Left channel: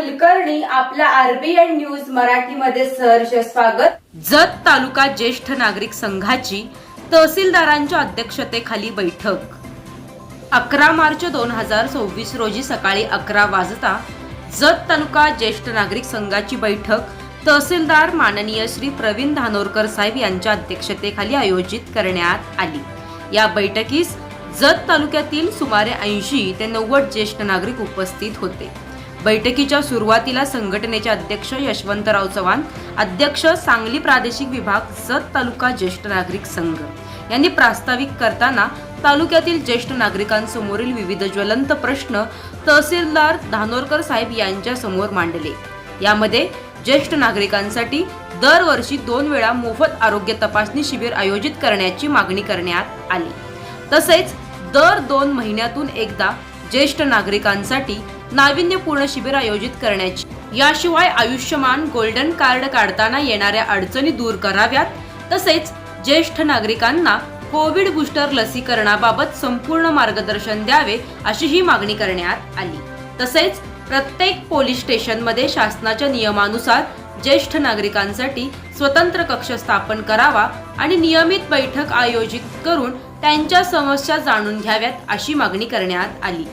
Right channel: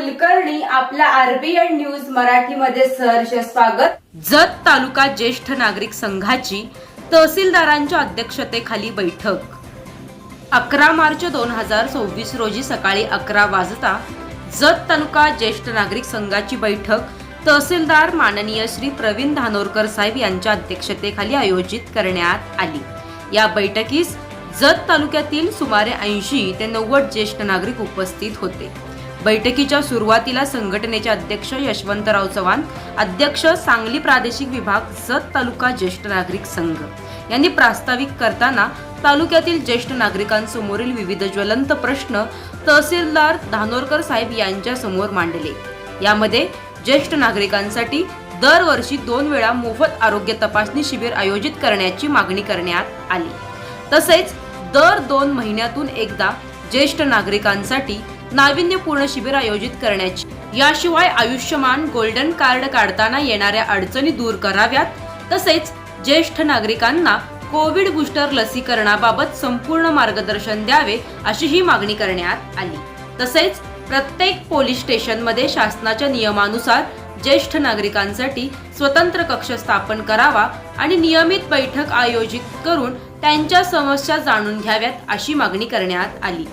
कुलकर्णी आपला RBN news मराठीमध्ये सहर्ष स्वागत। जत तालुका ज्येष्ठ नागरिक संघाची तहसीलदारांच्या अध्यक्षतेखाली बैठक 11 मार्च 2024 रोजी सकाळी 11 वाजता जत तालुका ज्येष्ठ नागरिक संघाची बैठक तहसीलदार माननीय श्री प्रवीण धानोरकर साहेब यांच्या अध्यक्षतेखाली आयोजित करण्यात आली। या बैठकीस जत तालुक्यातील सुमारे 80 ते 90 ज्येष्ठ नागरिक उपस्थित होते। बैठकीच्या सुरुवातीला संघटनेचे अध्यक्ष यशवंतराव चव्हाण, अध्यक्ष सांगली प्रादेशिक विभाग जत तालुका ज्येष्ठ नागरिक संघ यांनी प्रास्ताविक करताना तालुक्यातील ज्येष्ठ नागरिकांसमोरील विविध ज्वलंत प्रश्न तहसीलदार धानोरकर साहेब यांच्या समोर मांडले। यामध्ये ज्येष्ठ नागरिकांसाठी दरवर्षी 2 वेळा मोफत आरोग्य तपासणी शिबिर आयोजित करण्याची मागणी करण्यात आली। तसेच दर 2 महिन्यातून एकदा ज्येष्ठ नागरिकांसाठी नाविन्यपूर्ण शिबिर आयोजित करण्याची, याशिवाय आयुष्यमान गोल्डन कार्ड काढताना येणाऱ्या अडचणी दूर कराव्यात। तसेच ज्येष्ठ नागरिकांना कोविड बूस्टर लसीकरणाबाबत संपूर्ण मार्गदर्शन द्यावे अशी ही मागणी करण्यात आली। तसेच प्रत्येक पोलीस स्टेशनमध्ये शासनाच्या नियमानुसार ज्येष्ठ नागरिकांसाठी स्वतंत्र कक्ष स्थापन करावा आणि नियमित बैठक आयोजित करून त्यांच्या समस्या जाणून घ्याव्यात अशी मागणी करण्यात आली।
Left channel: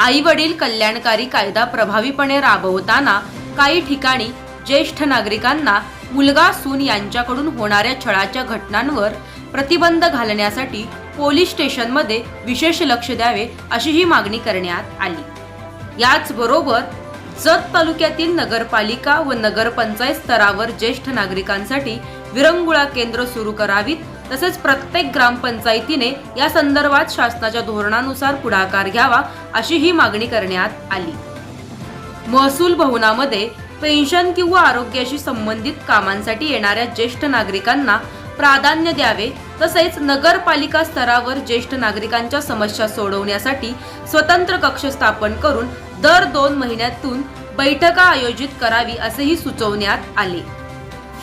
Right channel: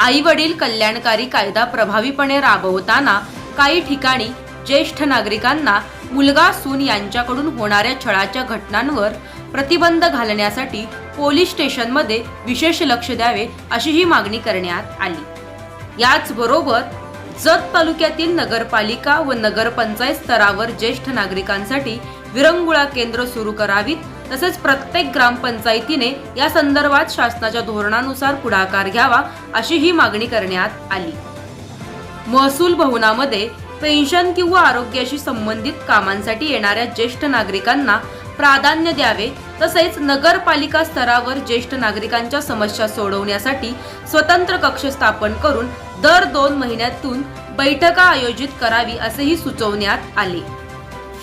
आई वडील कल्याणकारी कायदा प्रभावीपणे राबवताना काही ठिकाणी ज्येष्ठ नागरिकांना मुलगा सून यांच्याकडून होणाऱ्या छळाच्या घटनांवर प्रतिबंध घालण्यासाठी पोलीस स्टेशनमध्ये विशेष लक्ष द्यावे अशी ही मागणी करण्यात आली। याचबरोबर जत तालुक्यातील नगरपालिका व नगरपंचायत स्तरावर ज्येष्ठ नागरिकांसाठी विरंगुळा केंद्र सुरू करावीत। तसेच प्रत्येक ग्रामपंचायतीने या संदर्भात शासनाच्या धोरणानुसार पुढाकार घ्यावा अशी ही मागणी करण्यात आली। महसूल भवनामध्ये पेन्शन किंवा आरोग्याशी संबंधित कामांसाठी येणाऱ्या ज्येष्ठ नागरिकांना प्राधान्य द्यावे। तसेच नगरपालिका स्तरावर ज्येष्ठ नागरिकांच्या समस्या सोडवण्यासाठी स्वतंत्र कक्ष स्थापन करून दर 2 महिन्यातून बैठका आयोजित करावी असेही सुचवण्यात आले।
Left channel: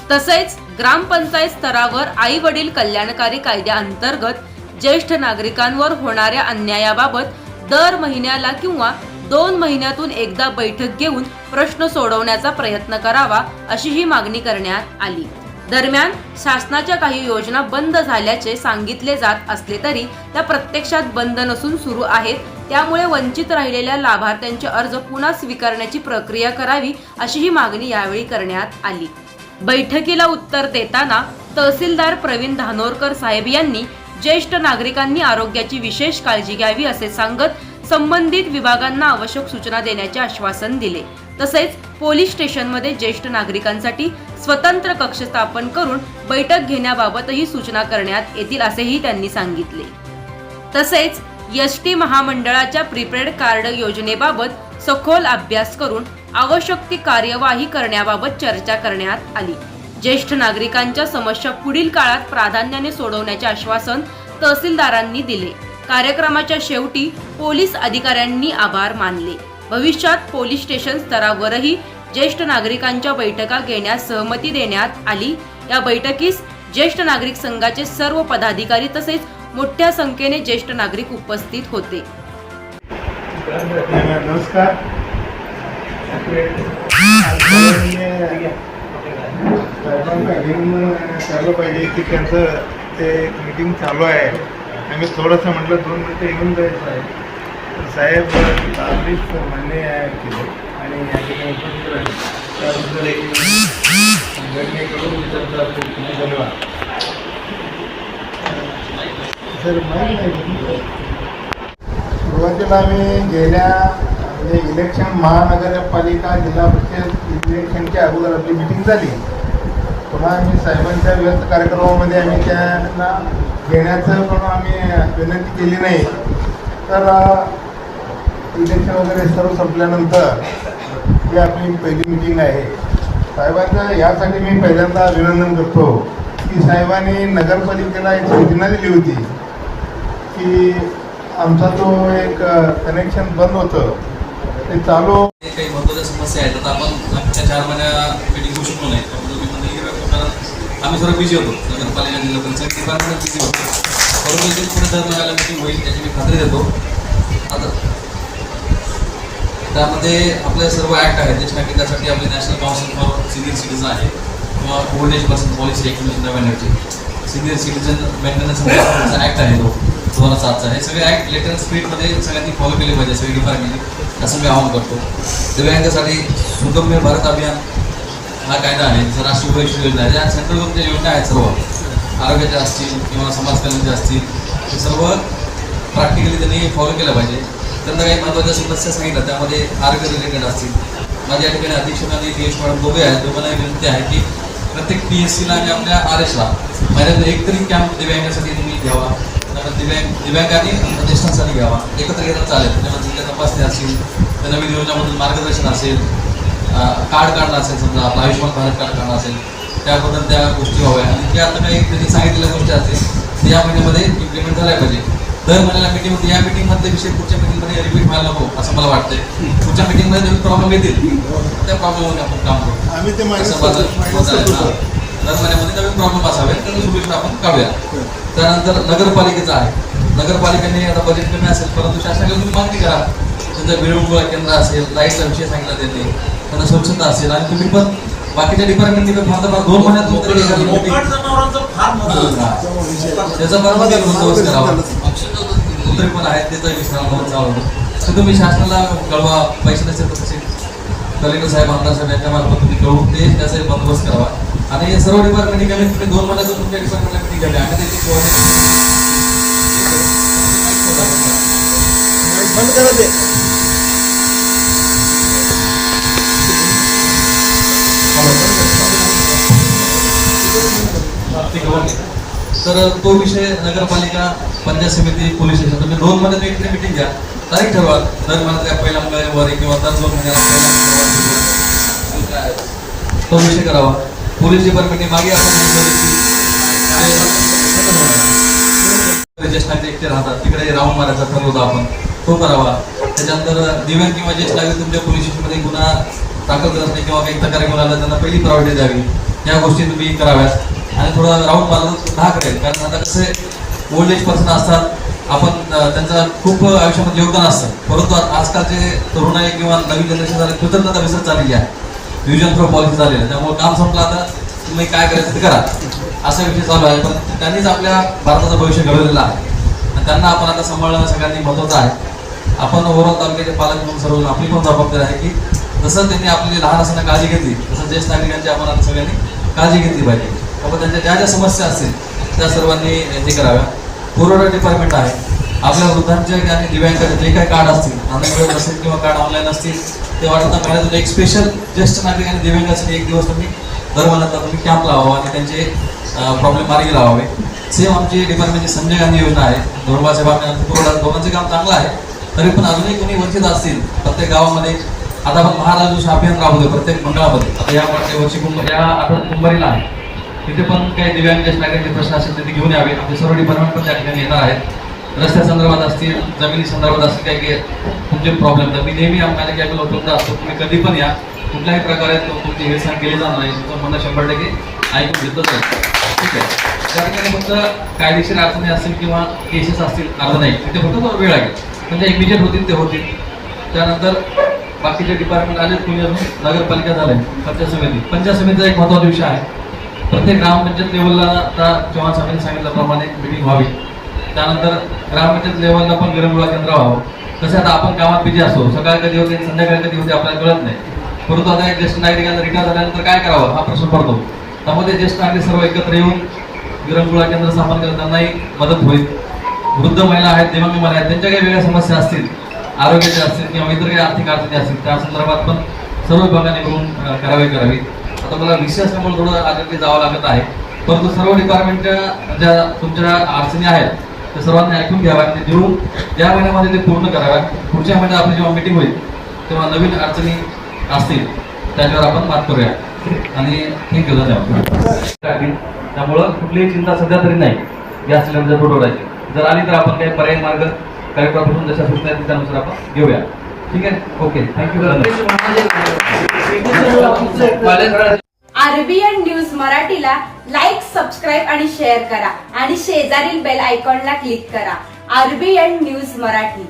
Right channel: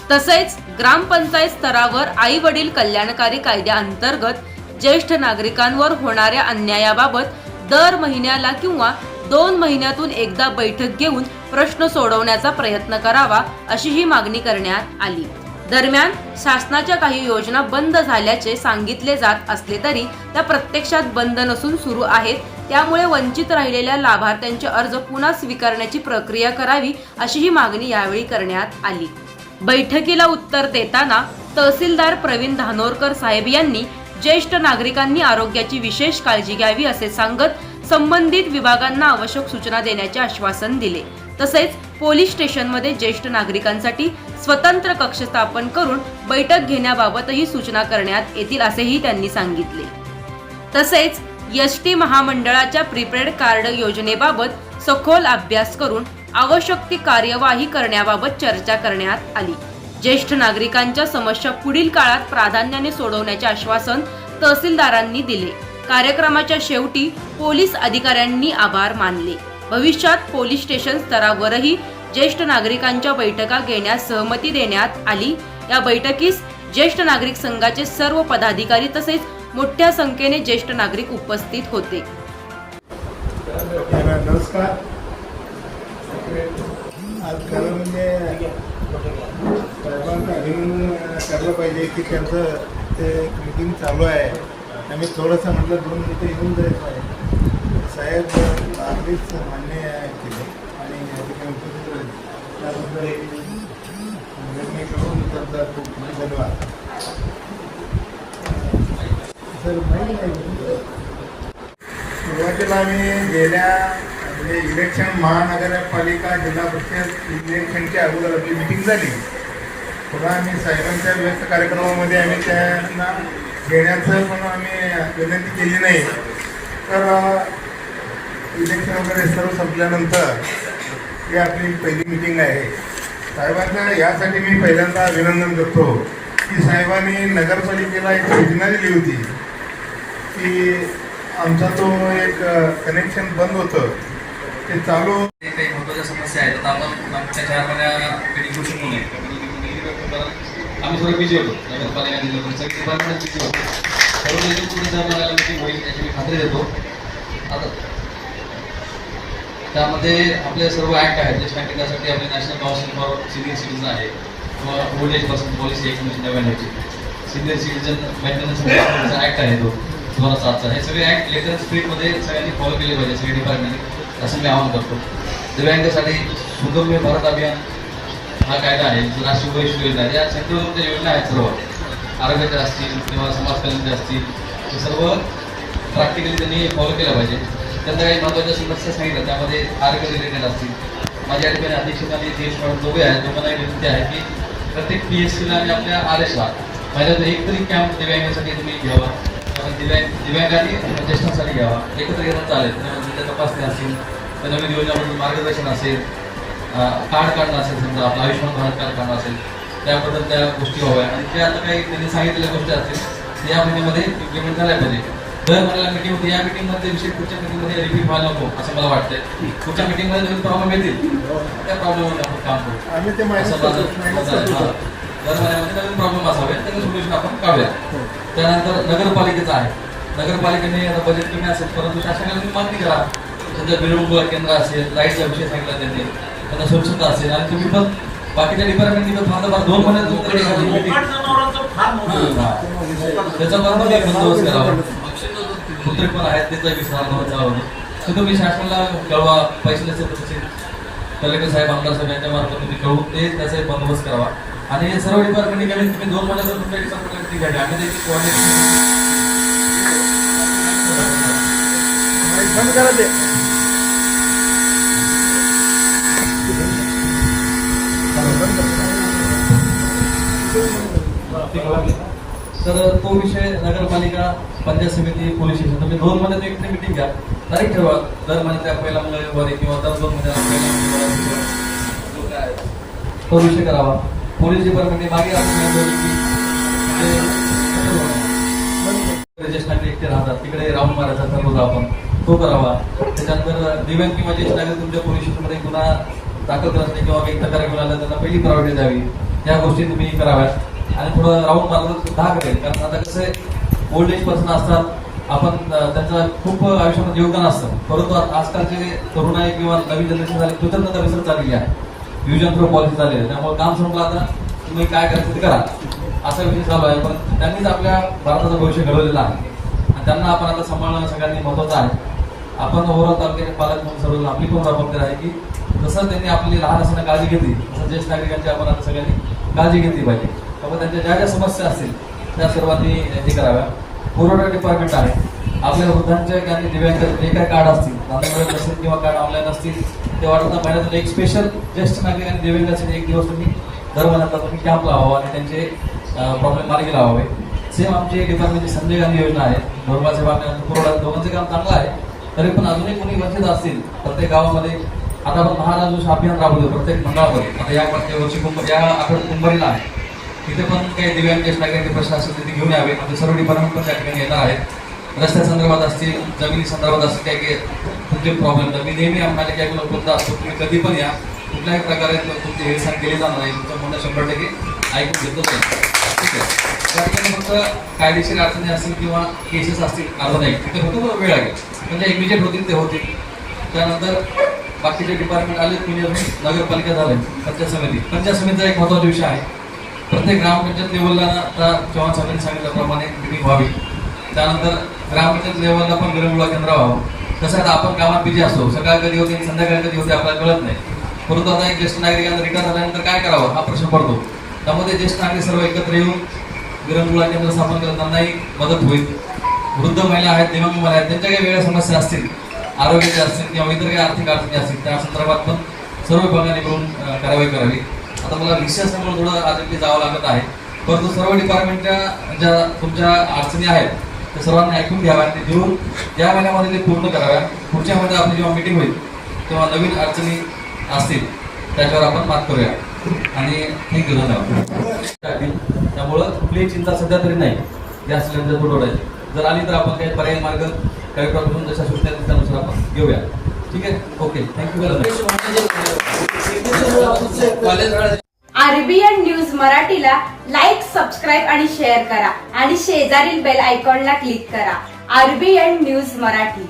तसेच ग्रामपंचायत स्तरावर आई वडील कल्याणकारी कायद्याअंतर्गत ज्येष्ठ नागरिकांवर होणाऱ्या अन्यायाबाबत दर महिन्याला किंवा 2 महिन्यातून एकदा बैठक घेऊन प्रश्न सोडवण्याचा प्रयत्न करावा अशी ही मागणी करण्यात आली। दरम्यान शासनाच्या काही योजना बंद झाल्याचे सांगितले जात असले तरी त्या प्रत्यक्षात बंद नसून सुरू आहेत। त्यामुळे वंचित राहिलेल्या लाभार्थ्यांचे अर्ज पुन्हा स्वीकारण्याची प्रक्रिया करावी अशी ही मागणी यावेळी करण्यात आली। बैठकीला उत्तर देताना तहसीलदार प्रवीण धानोरकर साहेब यांनी ज्येष्ठ नागरिकांनी आरोग्याची विशेष काळजी घ्यावी असे सांगत संबंधित विभागांना आवश्यक सूचना देण्याचे आश्वासन दिले। तसेच पोलीस स्टेशनमध्ये ज्येष्ठ नागरिकांसाठी स्वतंत्र कक्ष स्थापन करून बैठक घेण्याबाबतही सूचना करण्यात येतील असेही त्यांनी सांगितले। तसेच एसटी महामंडळाच्या प्रीपेड कार्ड योजनेबाबत सखोल अभ्यास करून आवश्यक ती कार्यवाही करण्याबाबत चर्चा करण्यात आली। ज्येष्ठ नागरिकांच्या समस्या पुढील काळात प्राधान्याने सोडवण्याचे आश्वासन तहसीलदारांनी दिले। कार्यक्रमाच्या शेवटी पोलीस अधिकाऱ्यांनी आभार मानले। भविष्यात पोलीस स्टेशन स्तरावरही ज्येष्ठ नागरिकांच्या बैठका घेण्यास सहमती देण्यात आली। या बैठकीस ज्येष्ठ नागरिक संघाचे सर्व पदाधिकारी तसेच मोठ्या संख्येने ज्येष्ठ नागरिक उपस्थित होते। नमस्कार। चालू पाहिजे की त्यांचं ते मीटिंग चालू आहे। आम्ही थोडंसं म्हटलं 2 मिनिटं येऊन जायचं आहे। साहेब आधीच मान्य केले आणि या ठिकाणी उपस्थित राहिले त्याबद्दल संघटनेकडून त्यांचा खूप धन्यवाद। सर सुरुवातीला आम्ही गेल्या म्हणजे इलेक्शन महानगरपालिका जिल्हा परिषद इलेक्शनच्या अगोदर आपली मीटिंग झाली। पुन्हा आम्ही साहेबांच्या व्यस्त कार्यक्रमामध्ये आम्ही त्यांना घेण्याचं पण आम्ही विनंती केली नाही। तर इलेक्शन वगैरे सर्व संपल्यानंतर ही आपली पहिली मीटिंग आहे। साहेबांचं यासाठी मी पहिल्यांदा अभिनंदन करतो की साहेबांनी नगरपालिकेला एक योजना दिली होती की आमचा तो एक कनेक्शन बंद होतं ते चालू। काही महत्त्वाच्या समस्या आहेत आता आपण आमच्या 4 महिन्या मीटिंग घेऊ शकलो नाही आम्ही सर्व बिझी होतो। नगरपालिका जिल्हा परिषद डिपार्टमेंट बिझी होतो। परंतु पुढे 4 महिन्याला मीटिंग होईल याची मी खात्री देतो। आता त्यामध्ये आपले सर्व ऍक्ट आहेत ज्येष्ठ नागरिकांसाठी आपली national council for senior citizen आहे किंवा old age person policy 1999 senior citizen maintenance act आहे तो 2007चा. हे सगळे ऍक्ट लेटर अँड स्पिरिटमध्ये सगळ्यांनी फॉलो केले पाहिजे सगळे डिपार्टमेंटने, असं मी आवाहन करतो. दिव्यांगासाठी सुगम्य भारत अभियान हा कायदा आहे, राष्ट्रीय वैश्विक योजना आहे, या सेंट्रल गव्हर्नमेंटच्या योजना आहेत सर्व आरोग्याच्या असतील किंवा समाज कल्याणाच्या असतील, हे सर्व प्रॅक्टिकली त्यांनी फॉलो केलं पाहिजे. त्यांना काही महत्त्वाच्या समस्या सांगितल्या त्यामध्ये आरोग्य रिलेटेड असतील. माझ्या ठिकाणी अध्यक्षांनी DH मॅडम दोघे आहेत, दोघांना एक विनंती आहे की प्रत्येक PSCला आणि आपल्या RSला महिन्यात एक तरी कॅम्प दिव्यांगासाठी त्यांनी घ्यावा, दिव्यांग आणि ज्येष्ठांसाठी घ्यावा, एकत्र घेता चालेल. त्यामध्ये तपासणी असेल, त्या नवीन योजनामधून मार्गदर्शन असेल, कार्ड काढणं असेल, समजा आपलं आयुष्यमान भारत कार्ड काढणं असेल, त्याबद्दल त्या गोष्टी व्हाव्या आणि त्या आता काही त्यांनी सांगितलेल्या गोष्टी असतील ते या महिन्यामध्ये इम्प्लिमेंट झाल्या पाहिजे. दर महिन्याला मीटिंग होती, या मीटिंगमधले विषय पुढच्या मीटिंगमध्ये रिपीट व्हायला नको असं मला वाटतंय. पुढच्या मीटिंगमध्ये नवीन प्रॉब्लेम येतील, त्या प्रॉब्लेममध्ये आपण काम करू. आम्ही ते असं माझं मत आहे. दर महिन्यामध्ये नवीन प्रॉब्लेम असावे त्यांनी सोल्युशन आपण काढूया. त्यानंतर नगरपालिकेचं आहे, नगरपालिकेने आता बजेट कमी असेल परंतु शासनाकडे तुम्ही मागणी करा. त्यांचं मिरवणूक केंद्र असेल, लाईटचा विषय सांगितला त्यांनी, त्यांना स्वच्छता असेल आणि तुम्ही पण बाकीच्या डिपार्टमेंटने फार 2 महिन्यात त्याचा बरोबर बंदोबस्त करावा. कुत्री पण आहेत त्याचा विश्राम चालू होतो. तुम्ही शासनाला कळवा, पैसे नसेल तर कलेक्टर साहेब, आमदार साहेब यांच्या मार्फत तुम्ही कळवून ते त्याचा बंदोबस्त करावा. आणि सर्व डिपार्टमेंटने कमीत कमी 2 महिन्यात तुमच्या डिपार्टमेंटला मिटिंग घ्यावी. आम्ही तर तो विषय नगरपालिका, पंचायत समिती, पोलीस स्टेशन तुम्ही 2 महिन्यात एकतरी मिटिंग घ्या, तारीख ठरवा. दर महिन्यात पहिल्या मंगळवारी किंवा दर 2 महिन्यात तो विषय करावा. पोलीस डिपार्टमेंटने मागे आपण ज्येष्ठ नागरिक एकटे राहतात तिकडे राहून मारायचा ठरवलं आपण, तो करावा. त्याच्यानंतर दिव्यांग किंवा ज्येष्ठ नागरिक तुमच्या पोलीस स्टेशनमध्ये गुन्हा दाखल करत नाही किंवा काही तक्रार घेऊन आला त्यांना पहिली प्रायोरिटी द्यावी, या गोष्टी तुम्ही कराव्यात. आणि थोडं राऊंड मारलं दहा करेल, कारण आता कसं आहे ओल्ड एज पर्सन असतात, आपण त्यांचं खूप आयुष्यामध्ये योगदान असतं, परंतु आजकालचे तरुण आहे किंवा नवीन जनरेशन झाले कृतज्ञता विसर चाललेली आहे, डिव्हिजन थ्रो पॉलिसी झालेली आहे. त्यामुळे काम संपलं, आता तुम्ही काय करायचं ते करा असा विषय चालू आहे. पण त्यांनीच आपल्या भारताचं भविष्य घडवलेलं आहे आणि त्यांना आपण आता सांभाळणं सगळ्यांनी महत्त्वाचं आहे. आपण ओव्हरऑल तालुक्याचे पालक म्हणून सर्व आपली पण जबाबदारी आहे की जसं त्यांनी आपली लहान असताना काळजी घेतली तसं ज्येष्ठ नागरिकांची आपण आता सगळ्यांनी काळजी घेतली पाहिजे. बाबा त्यांच्या ज्या ज्या समस्या असतील त्या सर्वांनी हे कराव्या. पुरवठा डिपार्टमेंट आहे, आपल्या वृद्धांच्या आणि दिव्यांगाचे जे काही कार्ड असतील, नांदेड असेल किंवा कार्ड ऑनलाईन असतील, ते वाटतं महिन्यातून एक स्पेशल ज्येष्ठ नागरिक आणि दिव्यांगासाठी एक दिवस तुम्ही दर महिन्यात तुम्ही कॅम्प लावावा आणि त्यांचे प्रॉब्लेम मार्गी लावावे. सेम आमची डिपार्टमेंटची संजय गांधी योजना आहे, धोरबा साहेब आपल्या दोघांचं काम चांगलं आहे. तरी पण अजूनही कोणी वंचित असतील प्रत्येक गावामध्ये, आता आपण महाराज अभियान राबवतो प्रत्येक मंडळामध्ये. आता या वर्षी या आठवड्यात कुंभारीला आहे, तिथे पण काही दिव्यांग ज्येष्ठ नागरिकांचे प्रश्न असतील तिथे घेऊन यावे. आमचे सर्व डिपार्टमेंट पण त्या ठिकाणी येणार आहेत. रस्त्या संदर्भात असतील, जमिनी संदर्भात असतील, काही तुमचे प्रॉब्लेम तर मी नेहमी आम्हाला कॅबला उपलब्ध असतो. तुम्ही कधी पण या, कुठल्याही प्रकारे तुमची हेळसांड केली जाणार नाही, तुमचं म्हणणं 100% ऐकून घेतलं जाईल. ठीक आहे. त्या ठिकाणी फक्त कायदेशीर अडचणी असतील किंवा केसेस असतील अर्ध नाही, तिथे फक्त वेळ लागेल, म्हणजे इमिजिएट होतील ते होतील. त्यानंतर बाकीचे डिपार्टमेंट आले, कुणी अजून नगरपालिका झाले, पंचायत समितीचा एक महत्त्वाचा विषय आहे. प्रत्येक ग्रामपंचायत लेवलला आता चव्हाण साहेबांनी सांगितल्याप्रमाणे मिटिंग व्हावी. त्यानंतर ग्रामपंचायत लेवलला पण विरंगुळा केंद्र व्हावं. कसं आता आपण कामात बिझी असतो, सकाळ कधी होते संध्याकाळ कधी होते आपल्याला कळत नाही, परंतु आता एक ज्येष्ठ नागरिकांना रिटायर झाल्यानंतर काय करावं हा प्रश्न पडतो. त्यामध्ये ज्येष्ठ नागरिक सर्व एकत्र येऊन विरंगुळा केंद्र स्थापन केलं, त्यांनाही मदत होईल. वृद्ध महिला आहेत, दिव्यांग महिला आहेत, त्यांच्या काही वेगळ्या समस्या असतील, आरोग्याच्या असतील किंवा इतर काही आर्थिक अडचणी असतील, त्या संदर्भात पण सर्व विभागाने मिळून कारवाई करावी. आता मला विषय असल्यामुळे थोडं आजही जावं लागत आहे, परंतु सर्व डिपार्टमेंटच्या ज्या तुमच्या अडचणी आहेत त्या सर्वांनी ऐकून घ्याव्या आणि ते देऊन या महिन्यामध्ये ते पूर्ण कराव्या. पुढच्या महिन्यात आपली जेव्हा मीटिंग होईल तेव्हा नवीन अडचणी असतील त्याच्यावर आपण बात करूया. आणि थँक्यू धन्यवाद. त्यामुळं कुठलीही चिंता सध्या तरी नाही या सिलेंडर तुटवड्याची. जर आली तर आपण काही पर्याय मार्ग कार्यक्रमापासून जशा सूचना आहेत त्यानुसार आपण घेऊया. ठीक आहे, ओके, थँक्यू. RBN न्यूज मराठीला लाईक, सबस्क्राईब आणि शेअर करा आणि शेजारील बेल आयकॉनला क्लिक करा. RBN news Marathi.